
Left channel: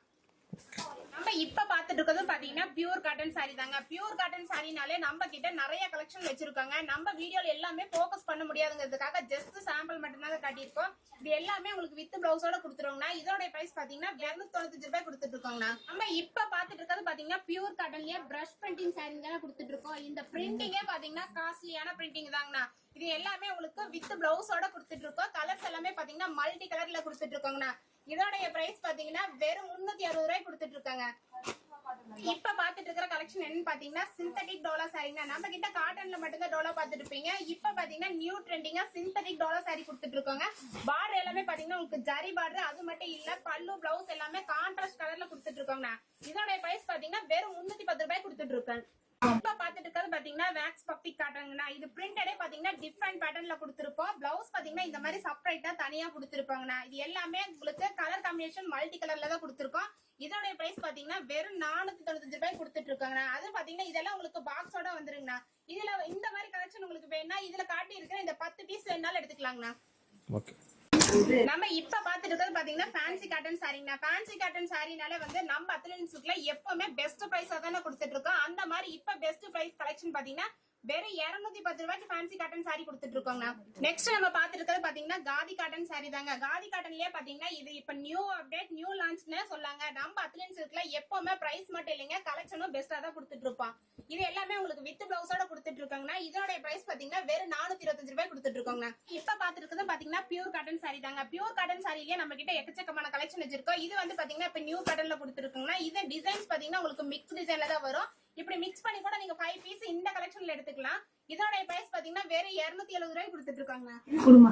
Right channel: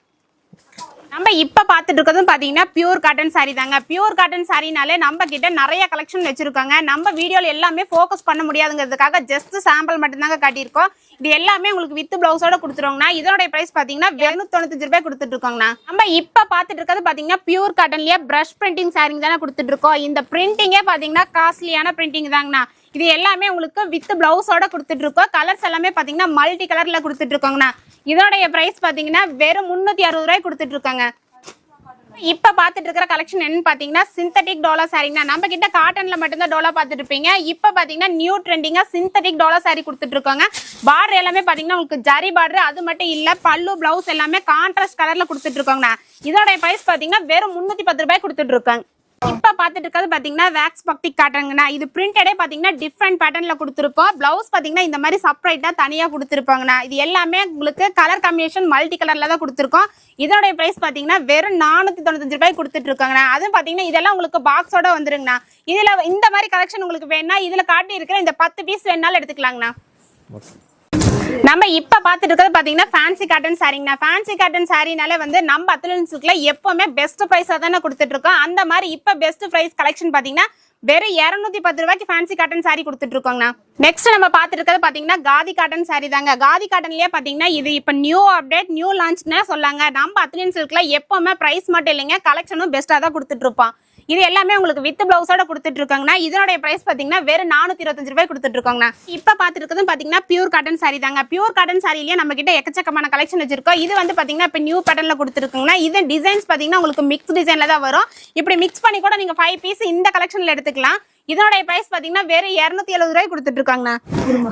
நம்ம இப்ப பாத்துட்டு இருக்கிறதும் பாத்தீங்கன்னா பியூர் காட்டன் saree தாங்க. பியூர் காட்டன் சாரினாலே நம்ம கிட்ட நிறைய கலெக்ஷன் வச்சிருக்காங்க. நம்ம வீடியோல எல்லாமே ஃபோக்கஸ் பண்ண முடியாதுங்கிறதுக்காக ஜஸ்ட் சாம்பிள் மட்டும்தாங்க காட்டியிருக்கோம். இது எல்லாமே உங்களுக்கு வித் பிளவுஸோட கொடுத்துருவோங்கண்ணா. இதோட பிரைஸ் பாத்தீங்கன்னா இருநூத்தி தொண்ணூத்தஞ்சு ரூபாய் கொடுத்துட்டு இருக்கோங்கண்ணா நம்ம இப்ப பாத்துட்டு இருக்கிறது பாத்தீங்கன்னா பியூர் காட்டன்லயே பிரஷ் பிரிண்டிங் சாரிங் தானே கொடுத்துட்டு இருக்கோம் இந்த பிரிண்டிங்கே பாத்தீங்கன்னா காஸ்ட்லியான பிரிண்டிங் தாங்கண்ணா. இது எல்லாமே உங்களுக்கு வித் பிளவுஸோட கொடுத்துட்டு இருக்கோம் கலர்ஸ் எல்லாமே பாத்தீங்கன்னா மல்டி கலர்ல கொடுத்துட்டு இருக்கோங்கண்ணா இதோடைய பிரைஸ் பாத்தீங்கன்னா வெறும் முன்னூத்தி அறுபது ரூபாய் கொடுத்துட்டு இருக்காங்க இப்ப பாத்துட்டு இருக்கிற கலெக்ஷன் என்னன்னு பாத்தீங்கன்னா சிந்தட்டிக் டோலா சாரிங்கண்ணா நம்ம கிட்ட காட்டன்ல மட்டும்தான் டோலா பாத்துட்டு இருப்பீங்க இப்ப பாத்தீங்கன்னா நியூ ட்ரெண்டிங்கா சிந்தட்டிக் டோலா சாரி கொடுத்துட்டு இருக்காங்க பார்டர் எல்லாமே பாத்தீங்கன்னா உங்களுக்கு ஜரி பார்டர் அது மட்டும் இல்ல பல்லு பிளவுஸ் எல்லாமே கான்ட்ராஸ்ட் கலர்ல கொடுத்துட்டு இருக்காங்கண்ணா இதோட பிரைஸ் பாத்தீங்கன்னா வெறும் முன்னூத்தி பத்து ரூபாய் கொடுத்துட்டு இருக்காங்க இப்போ பார்த்துட்டு இருக்கிறது பார்த்தீங்கன்னா வேக்ஸ் பக்தி காட்டுறங்கண்ணா இது பிரிண்டடே பார்த்தீங்கன்னா டிஃப்ரெண்ட் பேட்டர்ன்ல கொடுத்துருப்போம். ப்ளவுஸ் பார்த்தீங்கன்னா இந்த மாதிரி செப்பரேட்டாக தனியாக கொடுத்துருப்பாங்கண்ணா இது எல்லாமே உங்களுக்கு கலர் காம்பினேஷன் மல்டி கலர்ல தான் கொடுத்துருக்கோம். இதனுடைய ப்ரைஸ் பார்த்தீங்கன்னா வெறும் நானூற்றி தொண்ணூத்தஞ்சு ரூபாய் கொடுத்துட்டு இருக்காங்கண்ணா அதுவும் பார்த்தீங்கன்னா இதெல்லாம் உங்களுக்கு பாக்ஸோட வந்துருங்கண்ணா. இதில் இந்த மாதிரி கலெக்ஷன் உங்களுக்கு வேணா இதில் காட்டி இருக்கிற இந்த பத்து பீஸ் வேணாலும் எடுத்துக்கலாங்கண்ணா. நம்ம இப்ப பாத்துட்டு இருக்கிறது பாத்தீங்கன்னா ஃபேன்சி காட்டன் சாரிங்கண்ணா ஃபேன்சி காட்டன் சாரினாலே வந்து நம்ம அத்துலன் சில்க்ல எப்பவுமே பெஸ்ட் பிரைஸா தானே கொடுத்துட்டு இருக்கோம். அந்த மாதிரி இப்ப பெஸ்ட் பிரைஸ் கலெக்ஷன் பாத்தீங்கன்னா வெறும் இருநூத்தி பத்து ரூபாய்க்கு ஃபேன்சி காட்டன் சாரி கொடுத்துட்டு இருக்கோங்கண்ணா நெக்ஸ்ட் நம்ம பாத்துட்டு இருக்கிறது பாத்தீங்கன்னா காதி காட்டன் சாரி தாங்க. காதி காட்டன்லயே பாத்தீங்கன்னா இது இப்ப நியூ அப்டேட் நியூ லான்ச்னே சொல்லாங்க. நம்ம அத்லின் சில்க்ல எப்பவுமே பிரைஸ் மட்டும் இல்லைங்க. கலெக்ஷனும் பெஸ்டா தான் கொடுத்துட்டு இருப்போம். இது எல்லாமே உங்களுக்கு வித் பிளவுஸோட கொடுத்துட்டு இருக்காங்கன்னா இதனுடைய பிரைஸ் பார்த்தீங்கன்னா வெறும் நானூத்தி இருபத்தஞ்சு ரூபாய் கொடுத்துட்டு இருக்காங்கண்ணா இப்ப பாத்துட்டு இருக்கிறது பாத்தீங்கன்னா பியூர் காட்டன் சாரி தாங்க. பியூர் காட்டன் சாரிலேயே நம்ம கிட்ட எக்கச்சக்கமான கலெக்ஷன் வச்சிருக்கோம். இது வந்து பாத்தீங்கன்னா இப்ப நியூ பேட்டர்ன்ல கொடுத்துருக்குங்கன்னா இது டிசைன்ஸ் பாத்தீங்கன்னா உங்களுக்கு மிக்ஸ் டிசைன்ல தான் வரும். இப்படி மிக்ஸ் பண்ணி கூட நீங்க ஃபைவ் பீஸ் இந்த கலெக்ஷன்ல எடுத்துக்கலாம். இதோட பிரைஸ் பாத்தீங்கன்னா வெறும் இருநூத்தி எழுபது ரூபாய் கொடுத்துட்டு இருக்காங்கண்ணா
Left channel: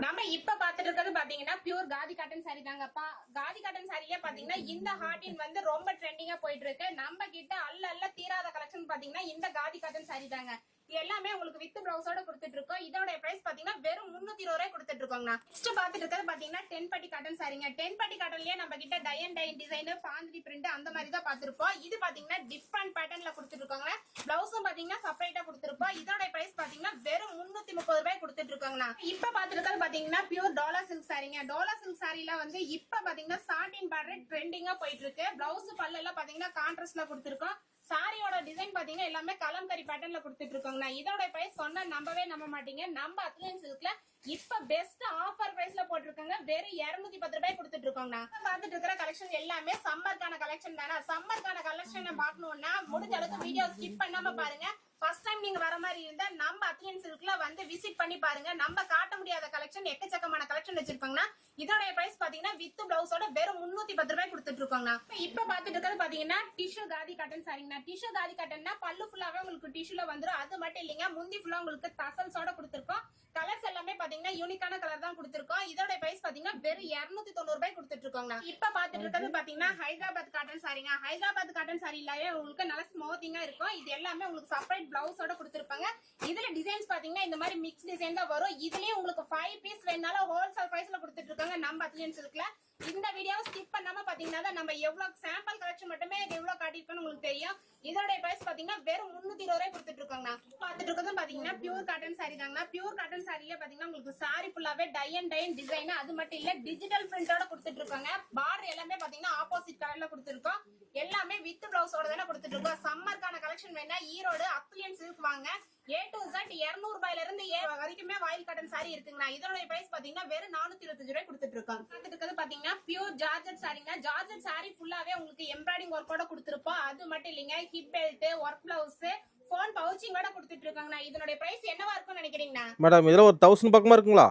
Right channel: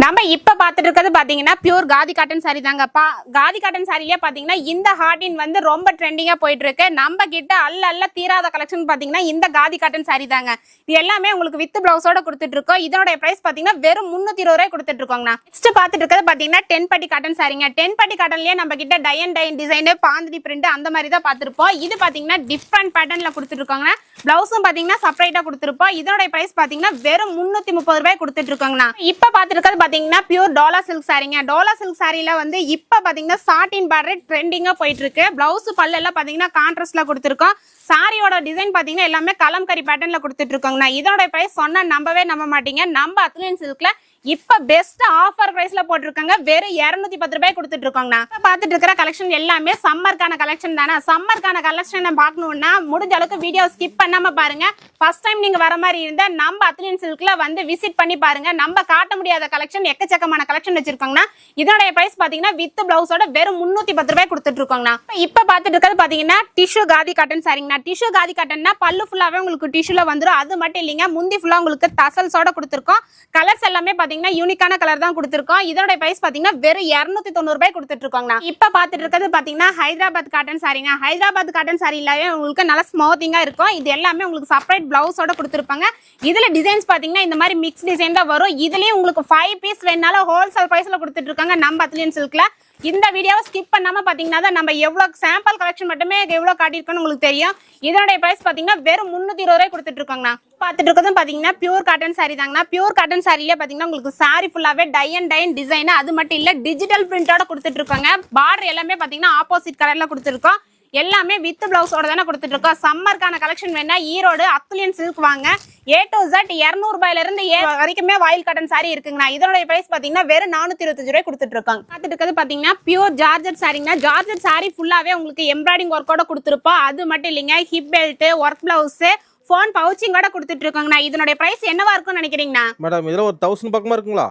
நம்ம இப்ப பாத்துட்டு இருக்கிறது பாத்தீங்கன்னா பியூர் காதி காட்டன் சாரி தாங்க. காதி காட்டன் சாரிலேயே பாத்தீங்கன்னா இந்த ஹார்டின் வந்து ரொம்ப ட்ரெண்டிங்கா போயிட்டு இருக்கு நம்ம கிட்ட அல்ல அல்ல தீராத கலெக்ஷன் பாத்தீங்கன்னா இந்த காதி காட்டன் சாரி தாங்க. இது எல்லாமே உங்களுக்கு வித் பிளவுஸோட கொடுத்துட்டு இருக்கோம் இதோட பிரைஸ் பாத்தீங்கன்னா வெறும் முன்னூத்தி இருபது ரூபாய் கொடுத்துட்டு இருக்கோங்கண்ணா நெக்ஸ்ட் பாத்துட்டு இருக்கிறது பாத்தீங்கன்னா டென் பட்டி காட்டன் சாரிங்க டென் பட்டி காட்டன்லயே நம்ம கிட்ட டயன் டைன் டிசைன் பாந்திரி பிரிண்ட் அந்த மாதிரி தான் பாத்திருப்போம். இது பாத்தீங்கன்னா டிஃப்ரெண்ட் பேட்டர்ன்ல கொடுத்துட்டு இருக்காங்க பிளவுஸும் பாத்தீங்கன்னா செப்பரேட்டா கொடுத்துருப்போம். இதோட பிரைஸ் பாத்தீங்கன்னா வெறும் முன்னூத்தி முப்பது ரூபாய் கொடுத்துட்டு இருக்காங்கண்ணா. இப்ப பாத்துருக்கிறது பாத்தீங்கன்னா பியூர் டோலா சில்க் சாரிங்க டோலா சில்க் சாரில வந்து இப்ப பாத்தீங்கன்னா சாட்டின் பார்டர் ட்ரெண்டிங்கா போயிட்டு இருக்கு பிளவுஸ் பல்லு எல்லாம் பாத்தீங்கன்னா கான்ட்ராஸ்ட்ல கொடுத்துருக்கோம். சாரியோட டிசைன் பாத்தீங்கன்னா எல்லாமே கலம்கரி பேட்டர்ன்ல கொடுத்துட்டு இருக்காங்கண்ணா. இதோட பிரைஸ் சொன்னா நம்பவே நம்ப மாட்டீங்க. நம்ம அத்லியன் சில்க்ல இப்ப பெஸ்ட் ஆஃபர் பிரைஸ்ல போட்டிருக்காங்க. வெறும் இருநூத்தி பத்து ரூபாய் கொடுத்துட்டு இருக்காங்கண்ணா இப்ப பாத்துட்டு இருக்கிற கலெக்ஷன் எல்லாமே சம்மருக்கான கலெக்ஷன் தானே? சம்மருக்கான கலெக்ஷன் பாக்கணும்னா முடிஞ்ச அளவுக்கு வீடியோ ஸ்கிப் பண்ணாம பாருங்க. ஃபர்ஸ்ட் டைம் நீங்க வர மாதிரி இருந்தா நம்ம அத்லின் சில்க்ல வந்து விசிட் பண்ணி பாருங்க. நம்ம காட்ட முடியாத கலெக்ஷன் எக்கச்சக்கமான கலெக்ஷன் வச்சிருக்காங்கன்னா இதோட பிரைஸ் பாத்தீங்கன்னா வித் பிளவுஸோட வெறும் முன்னூத்தி பத்து ரூபாய் கொடுத்துட்டு இருக்காங்கண்ணா இப்ப பாத்துட்டு இருக்கிறது பாத்தீங்கன்னா டிஷ்யூ காதி காட்டன் சாரிங்கண்ணா டிஷ்யூ காதி காட்டன்னா பல்லு ஃபுல்லாவே உங்களுக்கு டிஷ்யூல வந்துடும் அது மட்டும் இல்லைங்க முந்தி ஃபுல்லா உங்களுக்கு தசல்ஸோட கொடுத்துருக்கோம். கலர்ஸ் எல்லாமே பாத்தீங்கன்னா யூனிக்கான கலர் தான் கொடுத்துருக்கோம். இதோட பிரைஸ் பாத்தீங்கன்னா வெறும் இருநூத்தி தொண்ணூறு ரூபாய் கொடுத்துட்டு இருக்காங்கண்ணா இப்ப பாத்துட்டு இருக்கிறது பாத்தீங்கன்னா ஹைதராபாத் காட்டன் சாரிங்க ஹைதராபாத் காட்டன் சாரி இல்லாவே உங்களுக்கு நல்ல ஸ்மூத்திங்கா இருக்கும். இது எல்லாமே உங்களுக்கு செப்பரேட் பிளவுஸோட கொடுத்துருப்பாங்க. இதுல டிசைன்ஸ் பாத்தீங்கன்னா இந்த மாதிரி மிக்ஸ் டிசைன் தான் வரும். இதுலயும் உங்களுக்கு ஃபைவ் பீஸ் வேணாலும் ஹோல்சேல் பிரைஸ்ல கொடுத்துட்டு இருக்காங்க நம்ம அத்லியன் சில்க்ல இந்த வீடியோவை ஸ்கிப் பண்ணாம பாத்தீங்கன்னா தான் நம்ம எவ்வளவு சாம்பிள் கலெக்ஷன் மட்டுமே எவ்வளவு காட்டியிருக்கோம்னு உங்களுக்கு தெரியும். இதனுடைய பிரைஸ் பாத்தீங்கன்னா வெறும் முன்னூத்தி இருபது ரூபாய் கொடுத்துட்டு இருக்காங்கண்ணா. பாத்துட்டு இருக்கிறதும் பாத்தீங்கன்னா பியூர் காட்டன் சாரி தாங்கண்ணா. பியூர் காட்டன் சாரிலே பாத்தீங்கன்னா உங்களுக்கு சாரி ஃபுல்லாவே டை அண்ட் டைன் டிசைன் அது மட்டும் இல்ல டிஜிட்டல் பிரிண்டோட கொடுத்துட்டு இருக்காங்க. பார்டர் எல்லாமே பாத்தீங்கன்னா ஆப்போசிட் கலர்ல கொடுத்துருக்கோம். எல்லாமே வித் பிளவுஸோட தானே கொடுத்துட்டு இருக்கோம் சம்மருக்கான கலெக்ஷன் வேணா ஈரோடு அத்துலியன் சில்க் வாங்க. ஏ டு ஜட் இருநூறு இருந்து ஏ வரைக்குமே வாயில் கட்டன் சாரி இருக்குங்கண்ணா இதனுடைய பிரைஸ் பாத்தீங்கன்னா வெறும் நானூத்தி இருபத்தஞ்சு ரூபாய் கொடுத்துட்டு இருக்காங்க பார்த்துட்டு இருக்கிறது பாத்தீங்கன்னா பியூர் ஜார்ஜர் சாரிங்கண்ணா ஜார்ஜர் சாரி ஃபுல்லாவே உங்களுக்கு எம்ப்ராய்டிங் ஒர்க்கோட கொடுத்துருப்போம். அது மட்டும் இல்லைங்க hip belt work blouse phone பவுச்சிங்கோட கொடுத்துட்டு இருக்காங்கண்ணா இதனுடைய பிரைஸ் என்னவா இருக்கும்னு நினைக்கிறீங்கண்ணா? மேடம் இதுல ஒரு தௌசண்ட் பக்கமா இருக்குங்களா?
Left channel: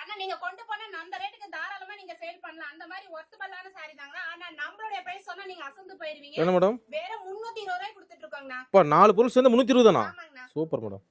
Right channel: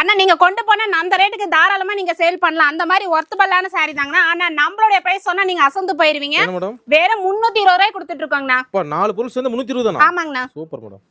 அண்ணா நீங்க கொண்டு போனா அந்த ரேட்டுக்கு தாராளமா நீங்க சேல் பண்ணலாம். அந்த மாதிரி ஒர்த்தபல்லான சாரி தாங்கண்ணா. ஆனா நம்மளுடைய பிரைஸ் சொன்னா நீங்க அசந்து போயிருவீங்க. வேற முன்னூத்தி இருபது ரூபாய் கொடுத்துட்டு இருக்காங்கண்ணா நாலு பொருள் சேர்ந்து முந்நூற்றி இருபது ஆமாங்கண்ணா. சூப்பர் மேடம்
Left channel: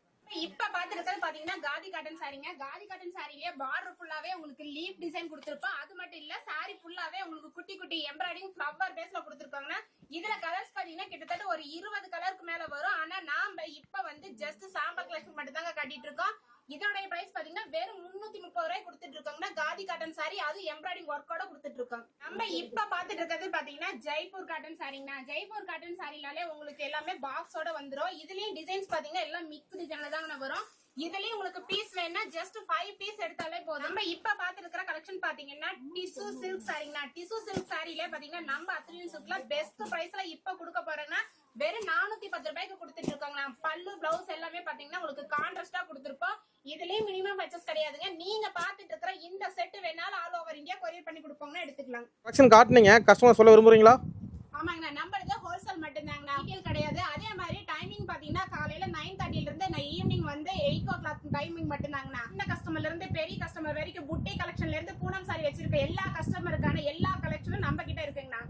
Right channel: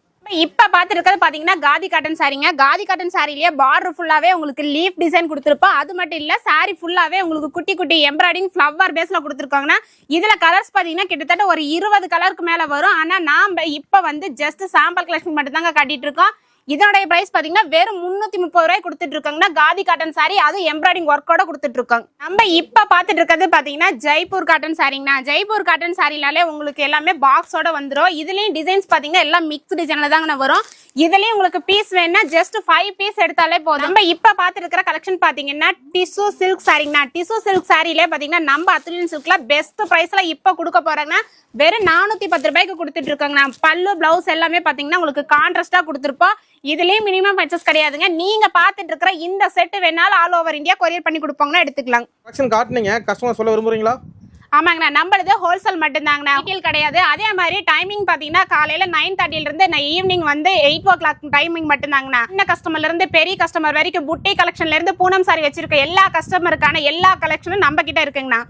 இப்ப பாத்துட்டு இருக்கிறது பாத்தீங்கன்னா காதி காட்டன் சாரிங்க காதி காட்டன் சாரிலேயே பார்டர் ஃபுல்லாவே உங்களுக்கு லீஃப் டிசைன் கொடுத்துருப்போம். அது மட்டும் இல்ல சாரி ஃபுல்லாவே உங்களுக்கு குட்டி குட்டி எம்ப்ராய்டிங் ஃபிளவர் பேஸ்ல கொடுத்துருக்காங்கன்னா இதுல கலர்ஸ் பாத்தீங்கன்னா கிட்டத்தட்ட ஒரு இருபது கலருக்கு மேல வரும். ஆனா நாம இப்ப வந்து ஜஸ்ட் சாம்பிள் கலெக்ஷன் மட்டும் தாங்க காட்டிட்டு இருக்கோம். இதோடைய பிரைஸ் பாத்தீங்கன்னா வெறும் முன்னூத்தி முப்பது ரூபாய் கொடுத்துட்டு இருக்காங்கன்னா காதி காட்டன் சாரி அது எம்ப்ராய்டிங் ஒர்க்கோட கொடுத்துட்டு இருக்காங்க. நம்ம இப்ப பாத்துட்டு இருக்கிறது பாத்தீங்கன்னா ஜெய்ப்பூர் காட்டன் சாரிங்கண்ணா ஜெய்ப்பூர் காட்டன் சாரினாலே உங்களுக்கு எல்லாமே பாக்ஸோட வந்துடும் இதுலயும் டிசைன்ஸ் பாத்தீங்கன்னா எல்லாம் மிக்ஸ் டிசைன்ல தாங்க வரும். இதுலயும் உங்களுக்கு பீஸ் வேணும்னா ஜஸ்ட் ஃபைவ் பீஸ் எடுத்தாலே போதும். நம்ம இப்ப பாத்துட்டு இருக்கிற கலெக்ஷன் பாத்தீங்கன்னா டிசு சில்க் சாரிங்கண்ணா டிசு சில்க் சாரியிலே பாத்தீங்கன்னா நம்ம அத்துலியன் சில்க்ல பெஸ்ட் பிரைஸ்ல இப்ப கொடுக்க போறாங்கன்னா வெறும் நானூத்தி பத்து ரூபாய்க்கு கொடுத்துட்டு இருக்காங்கண்ணா. பல்லு பிளவுஸ் எல்லாமே பாத்தீங்கன்னா உங்களுக்கு கான்ட்ராஸ்டா கொடுத்துருப்போம். இதுலயும் மினிமம் பர்ச்சேஸ் கிடையாதுங்க. நீங்க பாத்துட்டு இருக்கிற இந்த செட் வேணாலும் ஆல் ஓவர் இந்தியா கொரியர் பண்ணி கொடுப்பாங்கன்னா எடுத்துக்கலாம். கலெக்ஷன் காட்டுனீங்க. கஸ்டமர் சொல்ல விரும்புறீங்களா? ஆமாங்கண்ணா. நம்மளது ஹோல்சேல் மட்டும்தாங்கண்ணா. ரீட்டெயில் கிடையாது. அதே மாதிரி டைமிங் பார்த்தீங்கன்னா காலையில நைன் தேர்ட்டில இருந்து ஈவினிங் வந்து எயிட் ஓ கிளாக் டைமிங் மட்டும்தாங்கண்ணா. சின்ன கஸ்டமர்ல இருந்து பெரிய கஸ்டமர் வரைக்கும் புட்டை கலெக்ஷன்ல இருந்து பூனம் சாரி வச்சிருக்க எல்லா கஸ்டமருக்கான எல்லா கலெக்ஷனும் நம்ம கிட்ட இருக்குங்கண்ணா.